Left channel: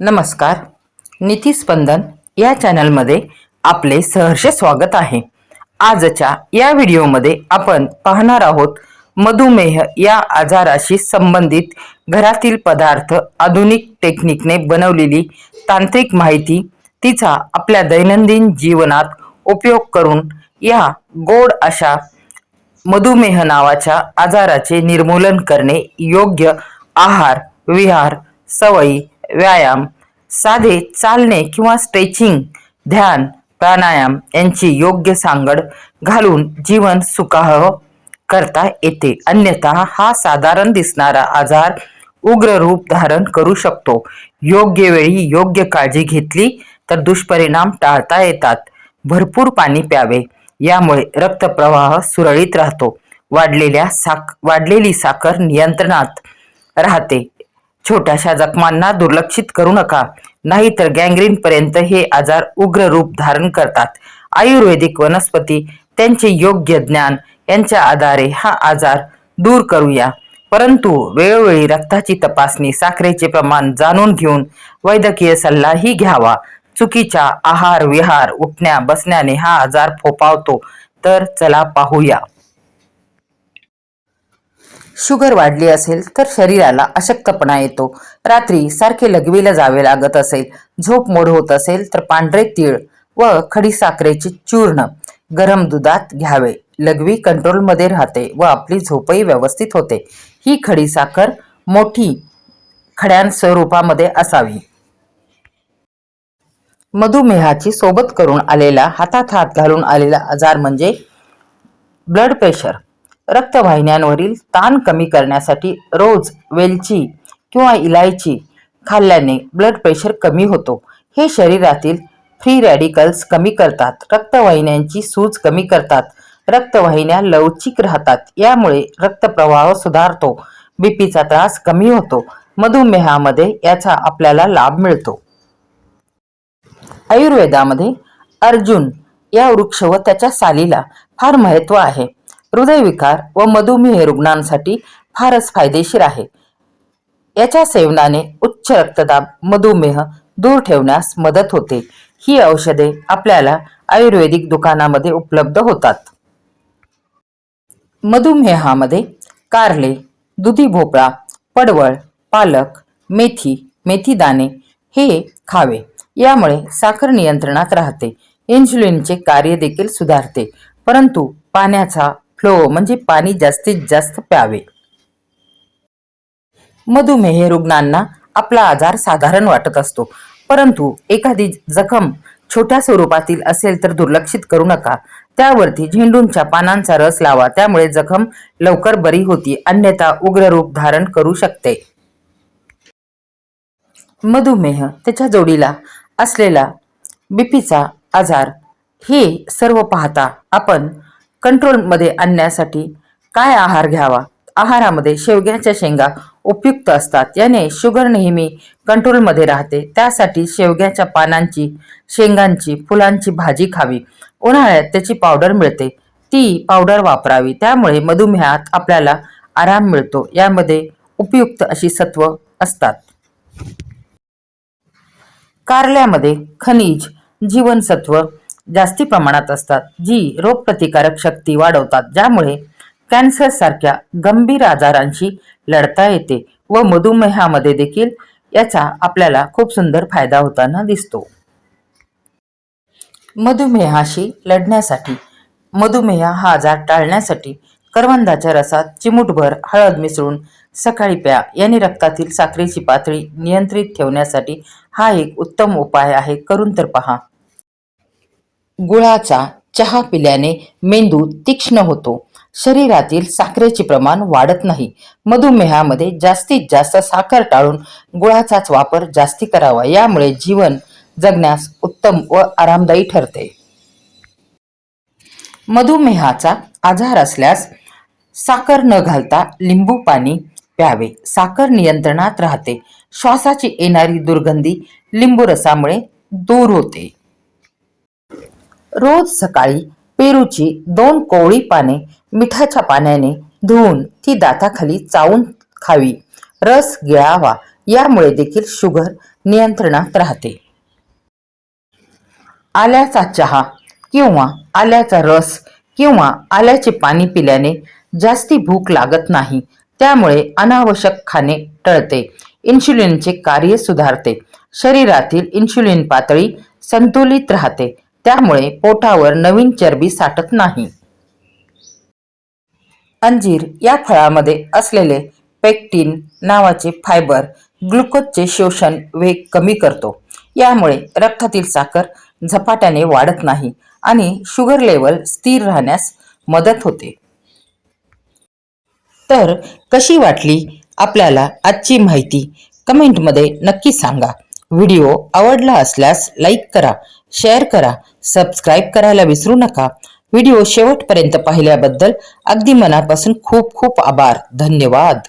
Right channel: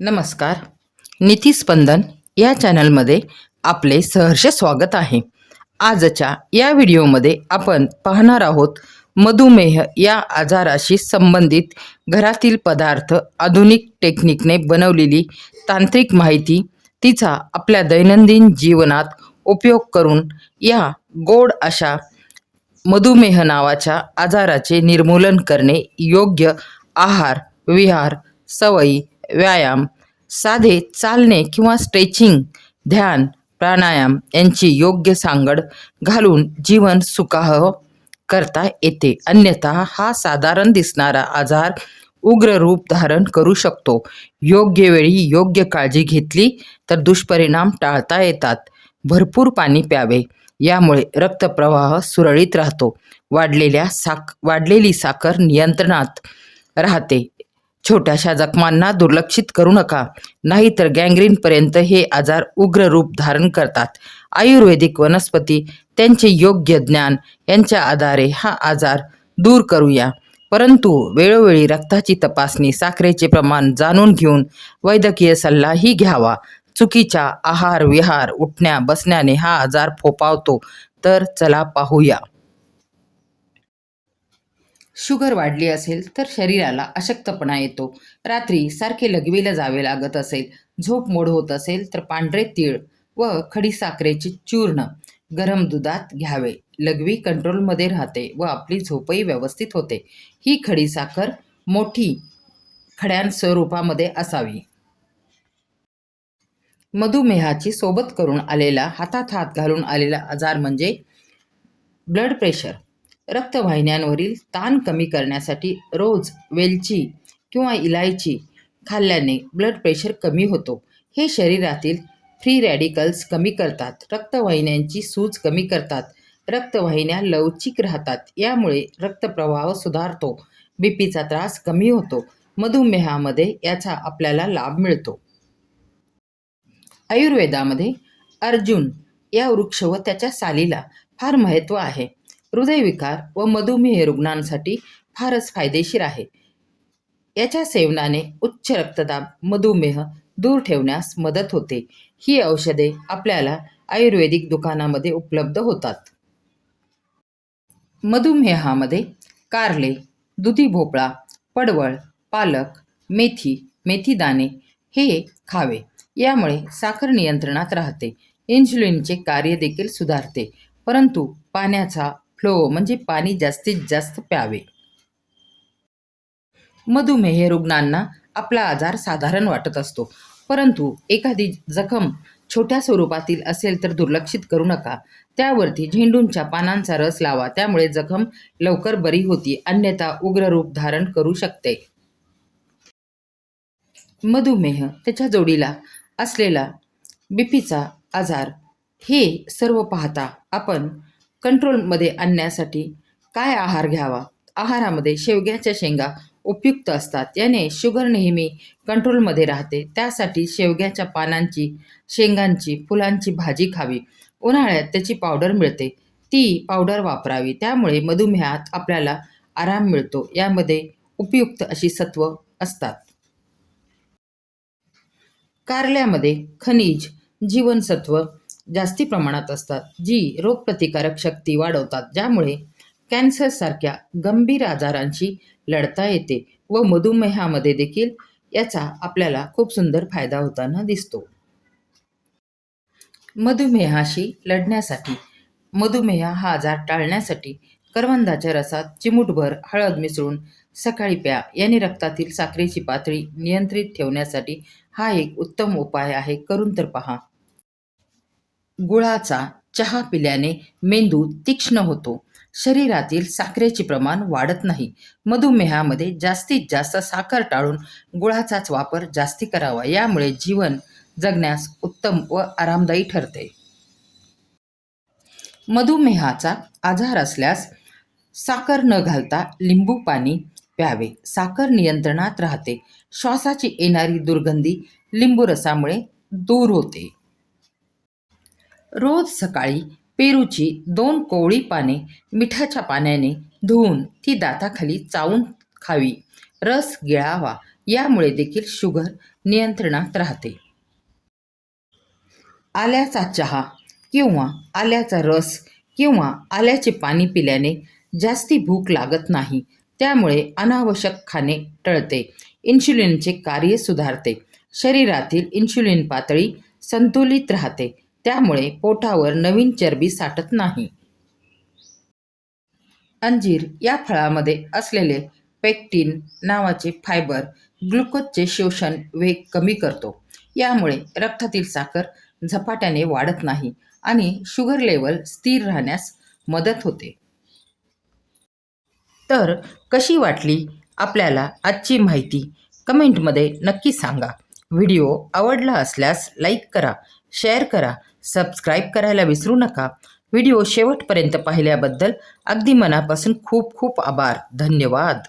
नमस्कार. नीतीस्पंदन या चॅनलमध्ये आपले सहर्ष स्वागत आहे. आजच्या या व्हिडिओमध्ये आपण पाहणार आहोत मधुमेह या आजाराशी संबंधित घरातील पदार्थ आधुनिक टेक्निकने बनवलेली तांत्रिक माहिती. तिचा आपल्या दैनंदिन जीवनात उपयोग करून या गोड अशा मधुमेह नावाच्या आजाराचे निर्मूलन करणे योग्य आहार विहार सवयी व्यायाम साधे चालणे किंवा स्ट्रेचिंग ध्यान प्राणायाम यांची योग्य सांगड घालून जीवन सुखाह करता येते. अन्यथा हा साधारण दिसणारा आजार उग्र रूप धारण करू शकतो. योग्य वेळी योग्य काळजी घेतली तर दुष्परिणाम टाळता येतात. भरपूर पाणी प्यावे यामुळे रक्तप्रवाह सुरळीत राहतो. वाढलेल्या साक वाढलेली साखर नियंत्रणात राहते. छोट्याशा जखमांना दुर्लक्षित करू नका. नाहीतर गँग्रीन पर्यंत हे आजार उग्र रूप धारण करतात. आयुर्वेदिक वनस्पती त्यांचे योग्य ज्ञान यांच्या आधारे हा आजार दूर करूया. परंतु वेळोवेळी रक्ताची तपासणी साखरेचे प्रमाण जाणून घेऊन वैद्यकीय सल्लाही घ्यावा. चुकीच्या आहार विहार उठण्या बसण्याने हा आजार फोपावतो तर चला पाहूया. शुगर वाढली असेल तर शरीराला अशक्तपणा येतो. रात्री सारखे लघवीला जावे लागत असेल झोप मोड होत असेल तर पांढरे तीळ व खडीसाखरेचे चूर्ण गरम दुधात घ्यावे. लघवी कंट्रोलमध्ये राहते व आपली झोपही व्यवस्थित होते. ही खडीसाखर मोठी खड्यां स्वरूपामध्ये असावी. मधुमेहाची सोबत करून आलेला हातात हात घालून आलेला आजार म्हणजे ब्लड प्रेशर. रक्तवाहिन्यांवरील ताण कमी करण्यासाठी रोज वेलची किंवा इलायची खाल्ल्याने ब्लड प्रेशर कमी होतो. हे शरीरातील फ्री रॅडिकल्स कमी करतात. रक्तवाहिन्यांची सूज कमी करतात. रक्तवाहिन्या लवचिक राहतात. यामुळे रक्तप्रवाह सुधारतो. बीपीचा त्रास कमी होतो. मधुमेहामध्ये याचा आपल्याला लाभ मिळतो. आयुर्वेदामध्ये अर्जुन या वृक्ष व त्याच्या सालीला फार महत्त्व आहे. हृदयविकार व मधुमेह रुग्णांसाठी फारच फायदेशीर आहे. याच्या सेवनाने उच्च रक्तदाब मधुमेह दूर ठेवण्यास मदत होते. ही औषधे आपल्याला आयुर्वेदिक दुकानामध्ये उपलब्ध होतात. मधुमेहामध्ये कारले दुधी भोपळा पडवळ पालक मेथी मेथी दाणे हे खावे. यामुळे साखर नियंत्रणात राहते. इन्सुलिनचे कार्य देखील सुधारते. परंतु पाण्याचा फ्लो म्हणजे पाणी जास्तीत जास्त प्यावे. मधुमेह रुग्णांना आपला आजार साधारण वाटत असतो. परंतु एखादी जखम छोट्या स्वरूपातील असेल तर दुर्लक्षित करू नका. त्यावरती झेंडूंच्या पानांचा रस लावा. त्यामुळे जखम लवकर बरी होती. अन्यथा उग्र रूप धारण करू शकते. मधुमेह त्याच्या जोडीला असलेला बीपीचा आजार हे सर्व पाहता आपण कंट्रोलमध्ये आणण्यासाठी काय आहार घ्यावा? आहारामध्ये शेवग्याच्या शेंगा उपयुक्त असतात. याने शुगर नेहमी कंट्रोलमध्ये राहते. त्यासाठी शेवग्याच्या पानांची शेंगांची फुलांची भाजी खावी. उन्हाळ्यात त्याची पावडर मिळते. ती पावडर वापरावी. त्यामुळे मधुमेहात आपल्याला आराम मिळतो. यामध्ये उपयुक्त अशी सत्व असतात. कारल्यामध्ये खनिज जीवनसत्व जास्ती प्रमाणात असतात जी रोगप्रतिकारक शक्ती वाढवतात ज्यामुळे कॅन्सर सारख्या गंभीर आजारांशी लढता येते व मधुमेहामध्ये देखील याचा आपल्याला खूप सुंदर फायदा होताना दिसतो. मधुमेहाशी लढण्यासाठी मधुमेह हा आजार टाळण्यासाठी करवंदाच्या रसात चिमूटभर हळद मिसळून सकाळी प्या याने रक्तातील साखरेची पातळी नियंत्रित ठेवण्यासाठी हा एक उत्तम उपाय आहे करून तर पहा. गुळाचा चहा पिल्याने मेंदू तीक्ष्ण होतो. शरीरातील साखरेचे प्रमाण वाढत नाही. मधुमेहामध्ये जास्तीत जास्त साखर टाळून गुळाचाच वापर जास्ती करावा. यामुळे जीवन जगण्यास उत्तम व आरामदायी ठरते. मधुमेहाचा आजार असल्यास साखर न घालता लिंबू पाणी प्यावे. साखर नियंत्रणात राहते. श्वासाची येणारी दुर्गंधी लिंबू रसामुळे दूर होते. रोज सकाळी पेरूची दोन कोवळी पाने मिठाच्या पाण्याने धुवून ती दाताखाली चावून खावी. रस गिळावा यामुळे देखील शुगर नियंत्रणात राहते. आल्याचा चहा किंवा आल्याचा रस किंवा आल्याचे पाणी पिल्याने जास्ती भूक लागत नाही. त्यामुळे अनावश्यक खाणे टळते. इन्शुलिनचे कार्य सुधारते. शरीरातील इन्शुलिन पातळी संतुलित राहते. त्यामुळे पोटावर नवीन चरबी साठत नाही. अंजीर या फळामध्ये असलेले पेक्टिन नावाचे फायबर ग्लुकोजचे शोषण वेग कमी करतो. यामुळे रक्तातील साखर झपाट्याने वाढत नाही आणि शुगर लेवल स्थिर राहण्यास मदत होते. तर कशी वाटली आपल्याला आजची माहिती? कमेंटमध्ये नक्की सांगा. व्हिडिओ आवडला असल्यास लाईक करा शेअर करा सबस्क्राईब करायला विसरू नका. व्हिडिओ शेवटपर्यंत पाहिल्याबद्दल अगदी मनापासून खूप खूप आभार. धन्यवाद.